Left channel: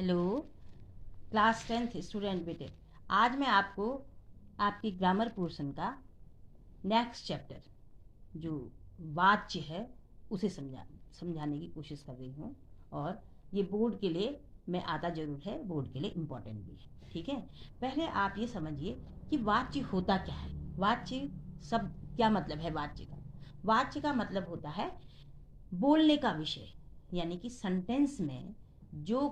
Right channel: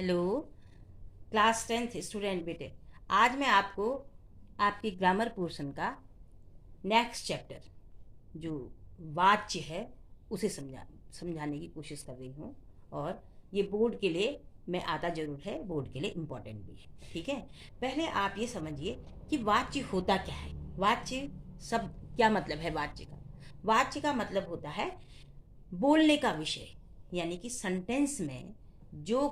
Hello class 10th student बेटे। आज मैं आपको आपकी ग्रामर पोर्शन का नेक्स्ट चैप्टर जो वाच्य है उसे समझाने की कोशिश कर रही हूँ। और ये बोर्ड के लिए मैं आता ज़रूर है, बोर्ड के लिए इम्पोर्टेंट भी है। ठीक है, पहले आप ये समझिए कि वाच्य होता क्या है। वाच्य शब्द क्या मतलब है वाच्य का? वाच्य का मतलब होता है बोलने का विषय, यानी कि सेंटेंस में जो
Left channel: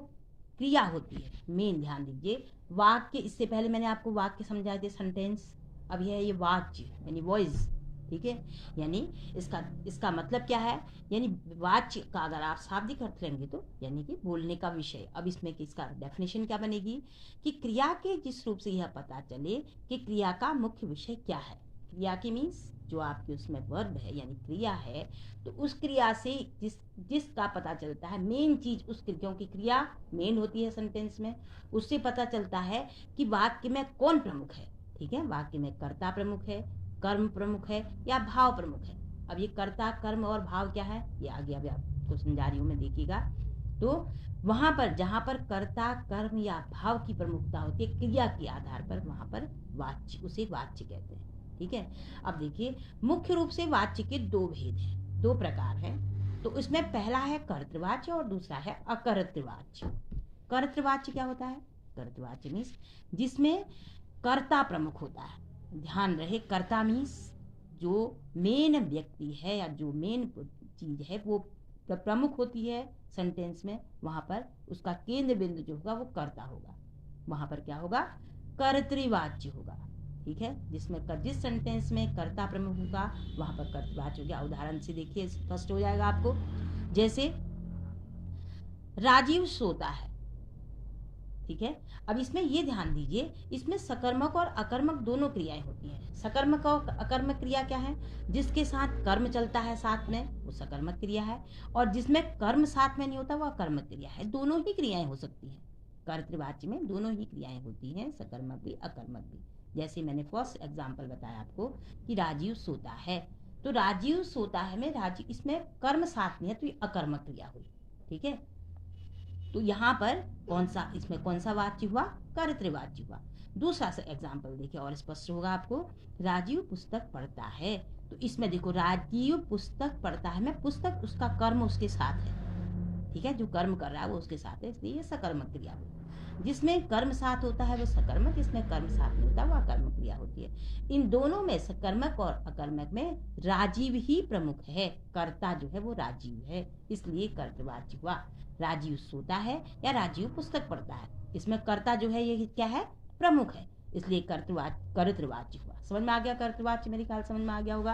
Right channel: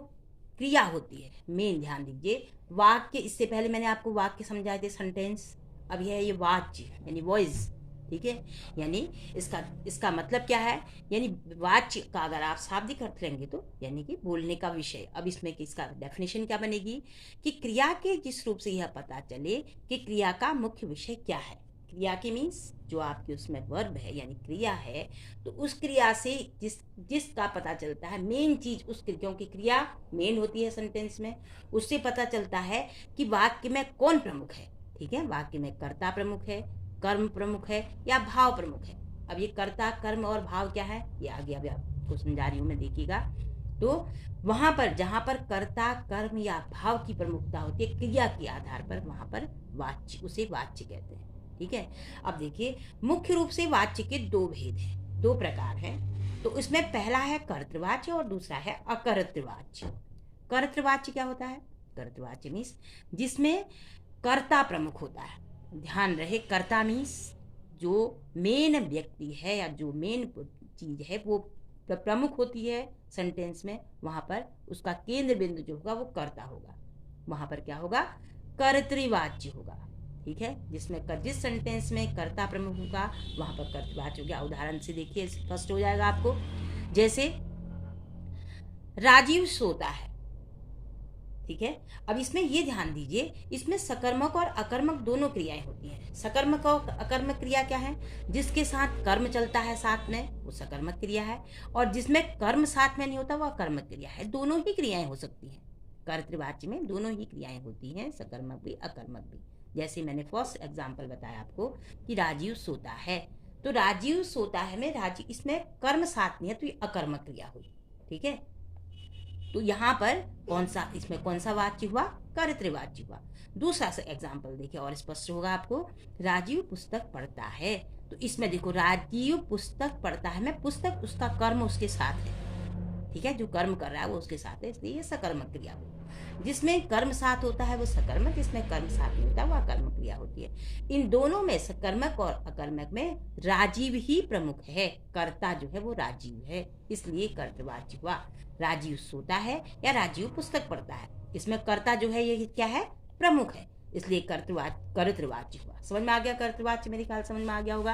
क्रिया होती है। मेन ध्यान दीजिए, वाक्य, इससे पहले मैंने आपको वाक्य समझाए थे सेंटेंस, अब यह है ये वाच्य यानी वॉइस। ठीक है, यानी इसका मतलब क्या है, यानी वाच्य का अगर आप शाब्दिक अर्थ लेंगे तो यानी कि बोलने का विषय। अब इसमें इसका डेफिनेशन क्या बनेगी कि क्रिया के जिस रूप से यह पता चले कि क्रिया का मुख्य विषय क्या है। क्रिया की मीन्स जो आपकी उसमें वर्ब है यानी क्रिया है, तो उस क्रिया से जिसका पता चलता है मेन चीज उस क्योंकि क्रिया मेन होती है सेंटेंस में, उससे पता चलता है कि वाक्य में कौन प्रमुख है। ठीक है, वाक्य में कर्ता प्रमुख है, कर्म प्रमुख है या भाव प्रमुख है। अब ये कर्ता, कर्म और भाव क्या है ये आगे अभी आपको समझा रही हूँ मैं, देखिएगा। तो वहां पर जहां पर कर्ता, कर्म या भाव की प्रमुखता होती है क्रिया के आधार पर, वहां पर वाच्य, उसे वाच्य कहते हैं। ठीक है, अब देखिए मुख्य रूप से वाच्य के दो भेद हैं, दो प्रकार हैं। तो इसमें पहला है कर्तृवाच्य और दूसरा है अकर्तृवाच्य। कर्तृवाच्य क्या होता है? कर्तृवाच्य मीन्स जिसमें कर्ता प्रमुख होता है। ध्यान रहे, कर्ता मीन्स जो मेन व्यक्ति है या जो मेन चीज है वो प्रमुख होती है सेंटेंस में, वहां पर उसका केंद्र बिंदु जो होगा वो कर्ता होगा, वहां पर क्या होगा? कर्तृवाच्य होगा। ठीक है, जिस सेंटेंस में कर्ता प्रमुख होगा वहां पर कर्तृवाच्य हो गया। उदाहरण से देखिए स्पष्ट हो जाएगा आपको। जैसे राजीव सोता है। ठीक है, अब इसमें ये ध्यान दीजिए, इसमें सकर्मक और अकर्मक दोनों क्रियाएं होती हैं। सकर्मक और अकर्मक क्रिया क्या है? जिसके साथ कर्म चलता है साथ में वो सकर्मक क्रिया है, और जिसमें कर्म साथ में नहीं होता वो अकर्मक क्रिया है। दोनों ही क्रियाएं हो सकती हैं, कर्तृवाच्य में दोनों ही क्रियाएं होती हैं, सकर्मक भी अकर्मक भी। जैसे मैंने फर्स्ट एग्जाम्पल बताया आपको कि राजीव सोता है, तो राजीव सोता है में राजीव, इसमें कर्म साथ नहीं है तो ये अकर्मक क्रिया हुई। ठीक है, तो यहाँ पर इसमें कौन सा वाच्य हुआ? कर्तृवाच्य हुआ। दूसरा सा एग्जाम्पल देखिए और स्पष्ट होगा आपको। राजीव पुस्तक पढ़ता है, तो इसमें देखो राजीव पुस्तक पढ़ता है में पुस्तक, उसका कर्म उसके साथ है। ठीक है, जो कर्म कर रहा है वो उसके साथ है, इसलिए ये सकर्मक क्रिया हुई। जिसमें कर्म साथ होता है वो सकर्मक, जिसमें कर्म साथ नहीं होता वो अकर्मक क्रिया होती है। इन दोनों में, सकर्मक और अकर्मक में, राजीव ही प्रमुख है। कर्ता जो है वो राजीव है, इसलिए कर्तृवाच्य हुआ। राजीव सोता है या राजीव पुस्तक पढ़ता है, इसमें कर्ता जो है ये क्या है? प्रमुख है, इसलिए कर्तृवाच्य हुआ। समझ में आ गया? कर्तृवाच्य मेरे ख्याल समझ में आ गया होगा।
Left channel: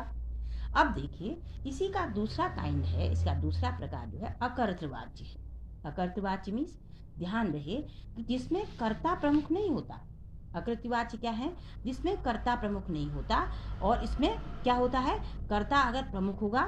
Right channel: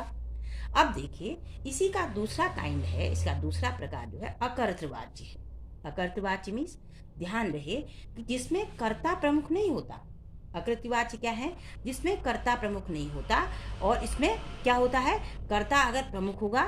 अब देखिए इसी का दूसरा काइंड है, इसका दूसरा प्रकार जो है अकर्तृवाच्य है। अकर्तृवाच्य मीन्स ध्यान रहे कि जिसमें कर्ता प्रमुख नहीं होता। अकृतवाच्य क्या है? जिसमें कर्ता प्रमुख नहीं होता, और इसमें क्या होता है? कर्ता अगर प्रमुख होगा,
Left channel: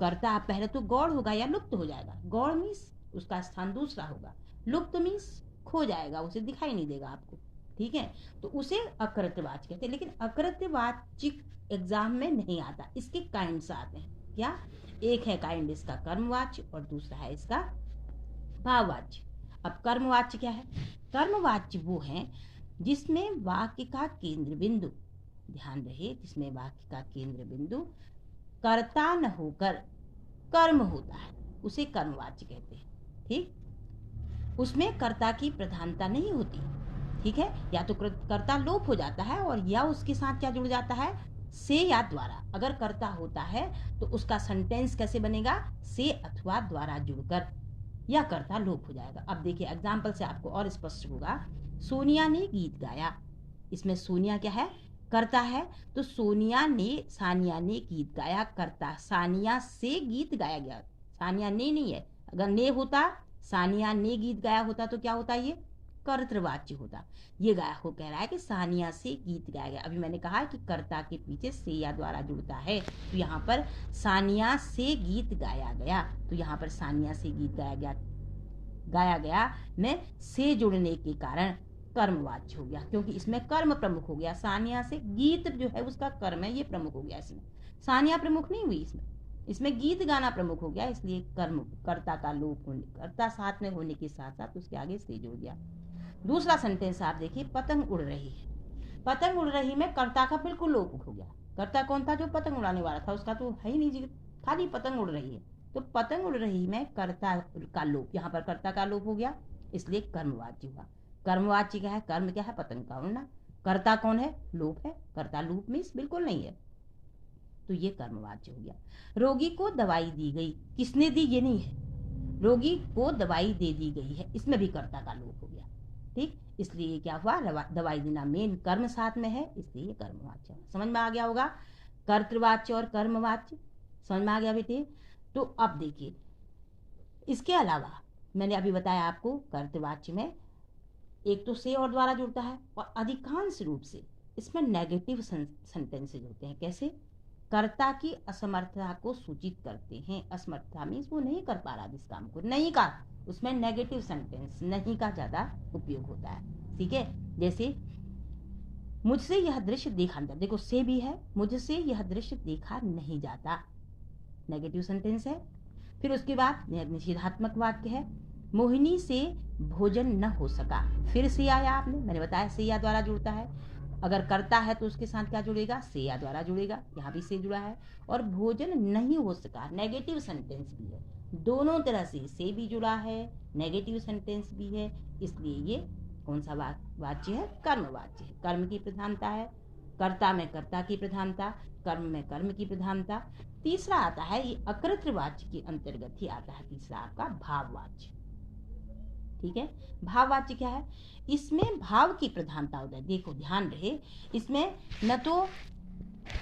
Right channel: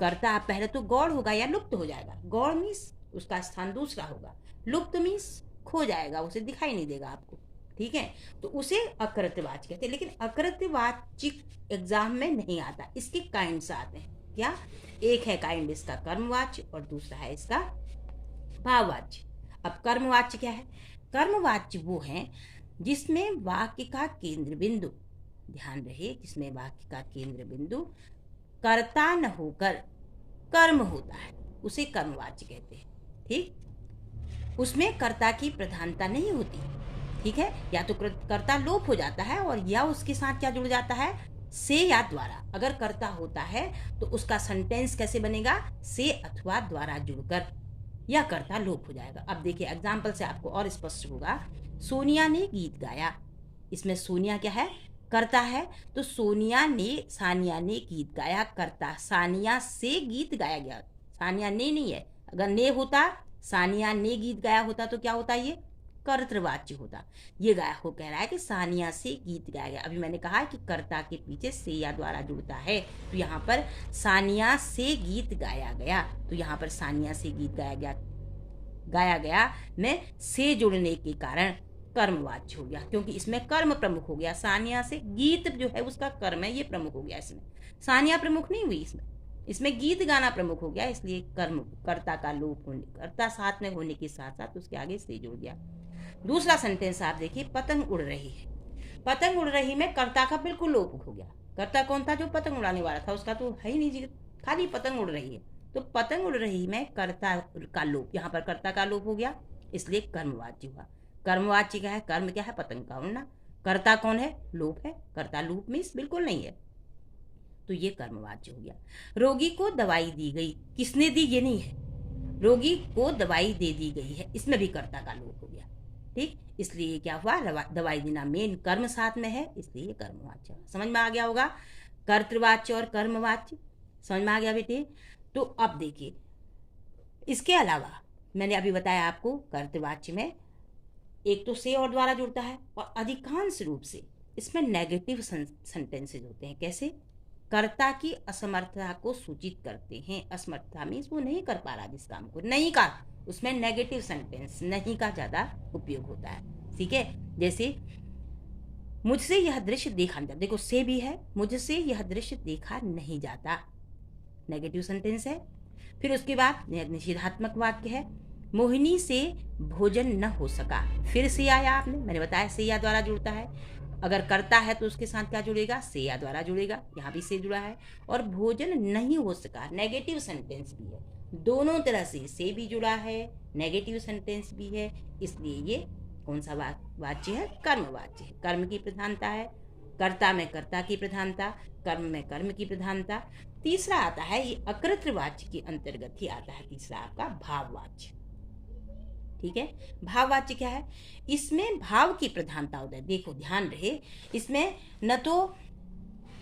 कर्ता पहले तो गौड़ होगा या लुप्त हो जाएगा। गौड़ मीन्स उसका स्थान दूसरा होगा, लुप्त मीन्स खो जाएगा, उसे दिखाई नहीं देगा आपको। ठीक है, तो उसे अकृतवाच्य कहते हैं। लेकिन अकृतवाच्य एग्जाम में नहीं आता, इसके काइंड्स आते हैं। क्या? एक है काइंड इसका कर्मवाच्य और दूसरा है इसका भाववाच्य। अब कर्मवाच्य क्या है? कर्मवाच्य वो है जिसमें वाक्य का केंद्र बिंदु, ध्यान रहे, जिसमें वाक्य का केंद्र बिंदु कर्ता न होकर कर्म होता है, उसे कर्मवाच्य कहते हैं। ठीक, उसमें कर्ता की प्रधानता नहीं होती। ठीक है, या तो कर्ता लोप हो जाता है और या उसके साथ क्या जुड़ जाता है? से या द्वारा। अगर कर्ता होता है तो उसका सेंटेंस कैसे बनेगा? से अथवा द्वारा जुड़कर, या कर्ता लोप हो जाएगा। अब देखिए एग्जाम्पल से आपको और स्पष्ट होगा। सोनिया ने गीत गाया, इसमें सोनिया क्या है? कर्ता है, तो सानिया ने गीत गाया, कर्ता सानिया से गीत गाया गया। सानिया ने नहीं है, अगर ने होता, सानिया ने गीत गाया होता तो क्या होता? ये कर्तृवाच्य होता। ये गाया हो कह रहा है कि सानिया से गीत गाया गया। अभी मैंने कहा कि कर्ता के पीछे से या द्वारा जुड़ता है, तो यहाँ पर सानिया से गीत गाया गया, तो यहाँ पर सानिया से गीत गाया गया में से जुड़ने के कारण कर्मवाच्य हो गया, क्योंकि इसमें कर्म प्रमुख हो गया। सानिया से गीत जो है उसका कर्म है, ये प्रमुख हो गया। इसमें सानिया प्रमुख नहीं हुई इसमें, इसमें गीत गाना प्रमुख हो गया, इसलिए कर्म कर्ता का लोप होने, कर्ता साथ में होने के साथ साथ उसके आगे से जुड़ गया। दूसरा सेंटेंस आप देखिए, पतंग उड़ रही है। पतंग उड़ रही में कर्ता का बिल्कुल लोप हो गया। कर्ता कौन था? जो पतंग उड़ाने वाला था, उसका तो है ही नहीं जी, खाली पतंग उड़ रही है। तो पतंग उड़ रही में कर्ता का लोप, यहाँ पर कर्ता का लोप हो गया, इसलिए कर्मवाच्य हुआ। कर्मवाच्य क्या है? कर्म क्या है? पतंग का उड़ना। कर्ता कौन है? लोप है। कर्ता लोप मीन्स बिल्कुल नहीं है, तो ये कर्मवाच्य हो गया। रोगी को दवाई दी गई, किसने दी ये नहीं है, रोगी को दवाई दे दी गई है, इसमें भी कर्ता का लोप हो गया। ठीक, इसलिए क्या हुआ? दवाई देना मेन कर्म साथ में है, इसलिए कर्मवाच्य। समझ में आ गया होगा? कर्तृवाच्य और कर्मवाच्य समझ में आ गया बेटे? तो अब देखिए, इसके अलावा मैंने अभी बताया आपको, कर्तृवाच्य में एक तो से और द्वारा जुड़ता है, और अधिकांश रूप से इसमें नेगेटिव सेंटेंसेज होते हैं। कैसे? कर्ता की असमर्थता को सूचित करते हैं। असमर्थता मीन्स वो नहीं कर पा रहा जिस काम को, नहीं का, उसमें नेगेटिव सेंटेंस नहीं का ज्यादा उपयोग होता है। ठीक है, जैसे मुझसे यह दृश्य देखा नहीं जाता, देखो से भी है, मुझसे यह दृश्य देखा नहीं जाता, नेगेटिव सेंटेंस है। फिर उसके बाद निषेधात्मक वाक्य है, मोहिनी से भोजन न हो सका, फिर से आया, आपने मैंने बताया से या द्वारा जुड़ता है। अगर करता है तो उसके साथ क्या जुड़ेगा? से या द्वारा जुड़ेगा, यहाँ भी से जुड़ा है। और भोजन नहीं हो सका, नेगेटिव सेंटेंस भी है, दोनों तरह से भी जुड़ा है, नेगेटिव सेंटेंस भी है, इसलिए ये कौन सा वाच्य है? कर्मवाच्य है। कर्म की प्रधानता है, कर्ता में कर्ता की प्रधानता, कर्म में कर्म की प्रधानता। तीसरा आता है, ये अकृतवाच्य के अंतर्गत ही आता है, तीसरा आपका भाववाच्य। ठीक है, भाववाच्य क्या है? इसमें भाव की प्रधानता होता है। देखो ध्यान रहे, इसमें न तो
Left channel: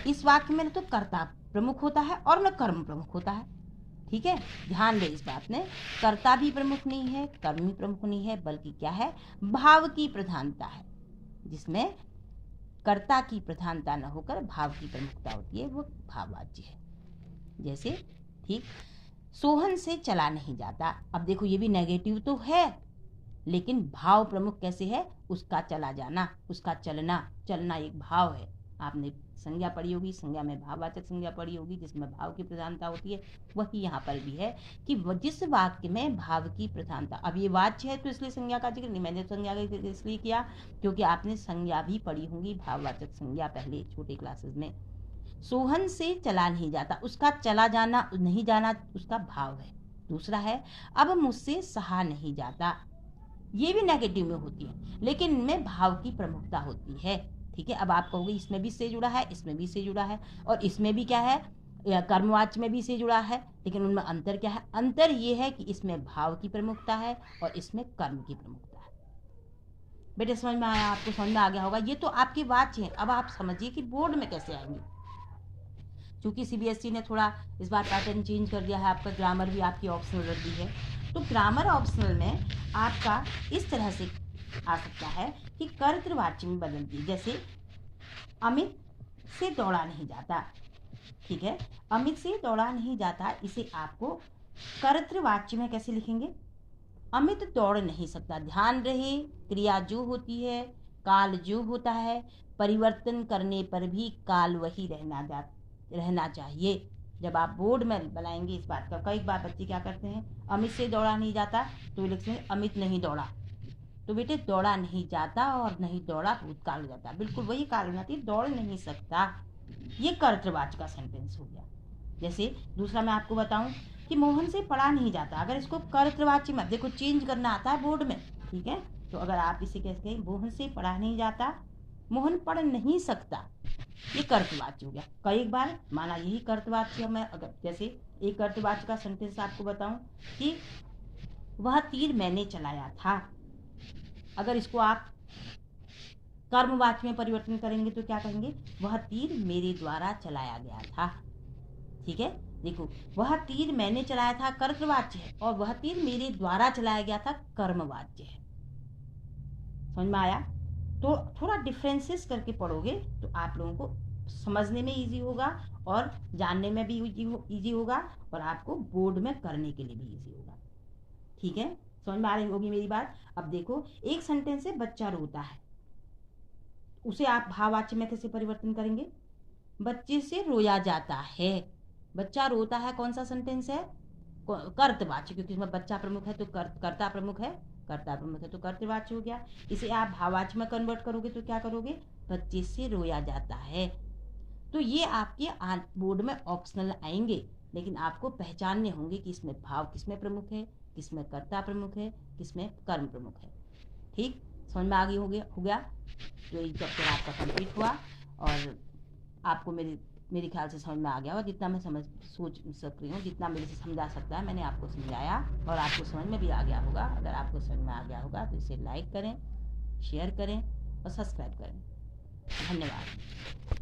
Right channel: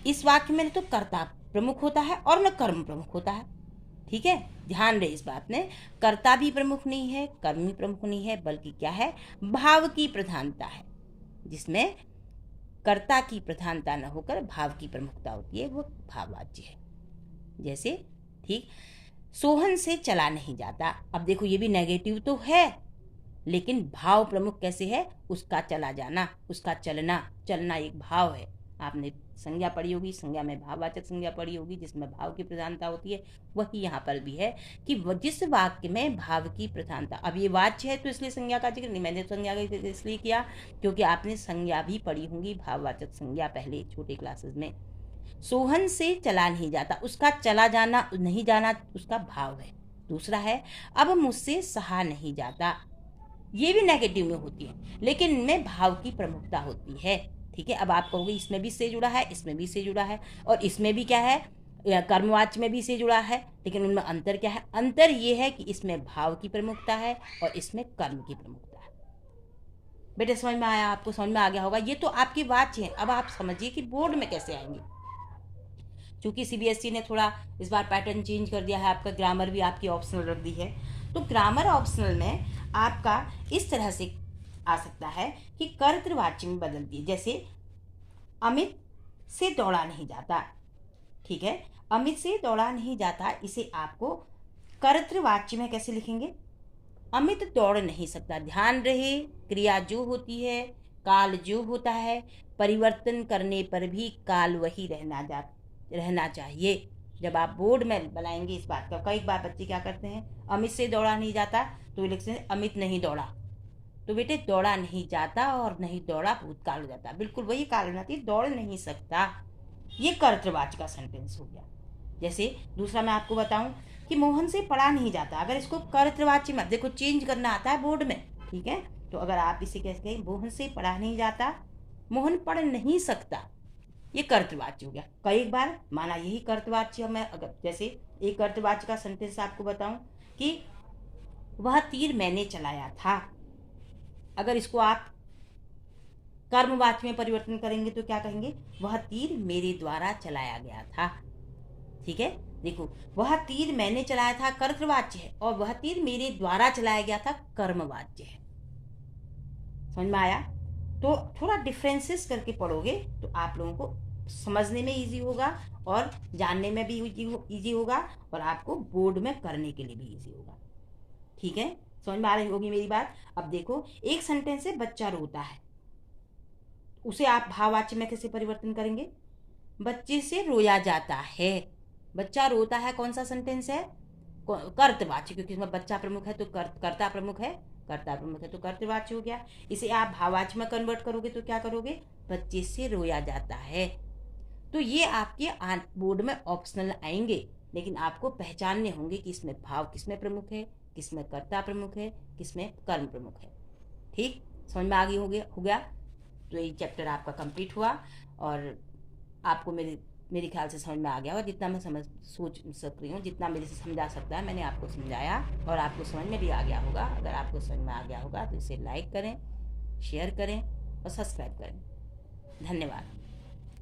इस वाक्य में न तो कर्ता प्रमुख होता है और न कर्म प्रमुख होता है। ठीक है, ध्यान रहे इस बात में, कर्ता भी प्रमुख नहीं है, कर्म भी प्रमुख नहीं है, बल्कि क्या है? भाव की प्रधानता है, जिसमें कर्ता की प्रधानता न होकर भाव की प्रमुखता होती है, वो भाववाच्य है। जैसे, ठीक, सोहन से चला नहीं जाता। अब देखो ये भी नेगेटिव तो है, लेकिन भाव प्रमुख कैसे है? उसका चला जाना, उसका चलना, चलना एक भाव है। आपने संज्ञा पढ़ी होगी, संज्ञा में भाववाचक संज्ञा पढ़ी होगी, जिसमें भाव की प्रधानता होती है, वही यहाँ पर भी है कि जिस वाक्य में भाव की प्रधानता, अब ये वाच्य है तो इसलिए संज्ञा का जिक्र नहीं, मैंने संज्ञा का इसलिए किया क्योंकि आपने संज्ञा भी पढ़ी होंगी, भाववाचक संज्ञा पहले छोटे क्लासेस में। सोहन से चला नहीं जाता, उसका चला जाना, नहीं जाना उसका भाव है। दूसरा है, अब मुझसे सहा नहीं जाता, ये भी नेगेटिव में होती है, लेकिन इनमें भाव की प्रमुखता होती है। ठीक है, अब आप कहोगे इसमें भी से जुड़ा है, इसमें भी से जुड़ा है, और इसमें भी क्या है? कर्मवाच्य में भी से जुड़ा है, लेकिन उनमें अंतर क्या है? अंतर ये है कि इसमें भाव की प्रमुखता है और इसमें कर्म की प्रमुखता है। बेटे समझ में आया? आपको समझ में आ गया होगा? ये तो आपके वाच्य हैं। अब आप समझिए कि बोर्ड में कैसे आएंगे। चूंकि सीबीएसई ने थोड़ा इस बार पैटर्न चेंज कर दिया है, आपका ग्रामर भी आपकी ऑप्शनल रख दी है, तो ग्रामर ऑप्शनल में आपका इस तरह से आ सकता है कि कर्तृवाच्य में बदल दिए। जैसे अमित से दौड़ा नहीं जाता, ठीक है, अमित से दौड़ा नहीं जाता, इसे आपको कर्तृवाच्य में कैसे लिखेंगे? अमित दौड़ नहीं सकता। ध्यान रहे, क्रिया जो होती है, काल जो होता है, परिवर्तन करने पर भी काल वही रहना चाहिए। जब आप बोर्ड में बनाएंगे इस बात का, कई बार बच्चे क्या करते हैं, अमित से दौड़ा नहीं जाता तो लिखते हैं अमित नहीं दौड़ा, तो बेटे दौड़ा नहीं जाता और नहीं दौड़ा भूतकाल हो जाता, बिल्कुल वही काल हो जाती है, दौड़ नहीं सकता। ये कर्तृवाच्य का सेंटेंस हो गया। जैसे दूसरा मैं आपको बताऊं कि मोहन से पढ़ा नहीं जाता, अगर इसको कर्तृवाच्य में देखो चेंज करना आता है बोर्ड में, ठीक है, तो अगर आप इसे कैसे कहें, मोहन से पढ़ा नहीं जाता, मोहन पढ़ नहीं सकता, ये कर्तवाच्य हो गया। कई बार माना यही कर्तवाच्य, मैं अगर जैसे एक कर्तवाच्य का सेंटेंस आपको बताऊं कि वह तीर मैंने चलाया था, अगर इसको आप कर्मवाच्य में परिवर्तन करेंगे तो क्या कहेंगे? वह तीर मेरे द्वारा चलाया गया था। ठीक है, देखो वह तीर मैंने चलाया था कर्तवाच्य है, और वह तीर मेरे द्वारा चलाया गया था कर्मवाच्य है। समझ में आया? तो थोड़ा डिफरेंसेस करके पढ़ोगे तो आप लोगों को समझने में इजी होगा और जानने में भी इजी होगा, और आपको बोर्ड में करने के लिए भी इजी होगा। ठीक है, समझ में आ रही होगी मेरी बात? अब देखो, एक सेंटेंस है बच्चा रोता है, उसे आप भाववाच्य में कैसे परिवर्तन करेंगे? बच्चे से रोया जाता है, बच्चा रोता है कौन सा सेंटेंस है? कर्तवाची, क्योंकि इसमें बच्चा प्रमुख है तो कर्ता प्रमुख है, कर्ता प्रमुख है तो कर्तवाची हो गया। इसे आप भाववाची में कन्वर्ट करोगे तो क्या करोगे? बच्चे से रोया जाता है। तो ये आपके बोर्ड में ऑप्शनल आएंगे, लेकिन आपको पहचानने होंगे कि इसमें भाव किसमें प्रमुख है, किसमें कर्ता प्रमुख है, किसमें कर्म प्रमुख है। ठीक, समझ में आगे हो गया। तो ये चैप्टर आपका कंप्लीट हुआ और आपको मेरे ख्याल से समझ में आ गया होगा। जितना मैं सोच सक रही हूँ, जितना मेरे से समझा सकता है मैंने आपको समझाया, और आपको समझ में भी आ गया होगा। अगर आपको समझ में आ गया होगा तो इसे लाइक करें, शेयर करें और सब्सक्राइब करें। धन्यवाद।